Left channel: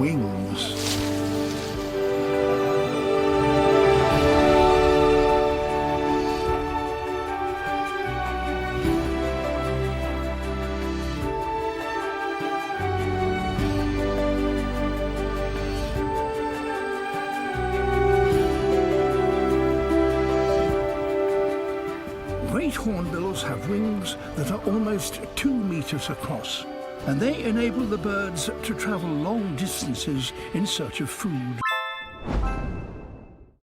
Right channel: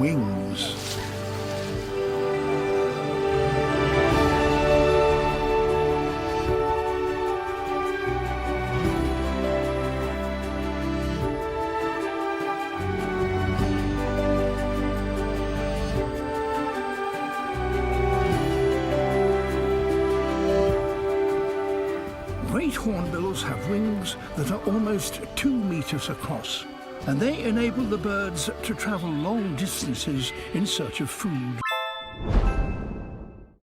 wings. Great hornbills have wings that are almost 2 meters across, and they enable the birds to travel long distances in search of food.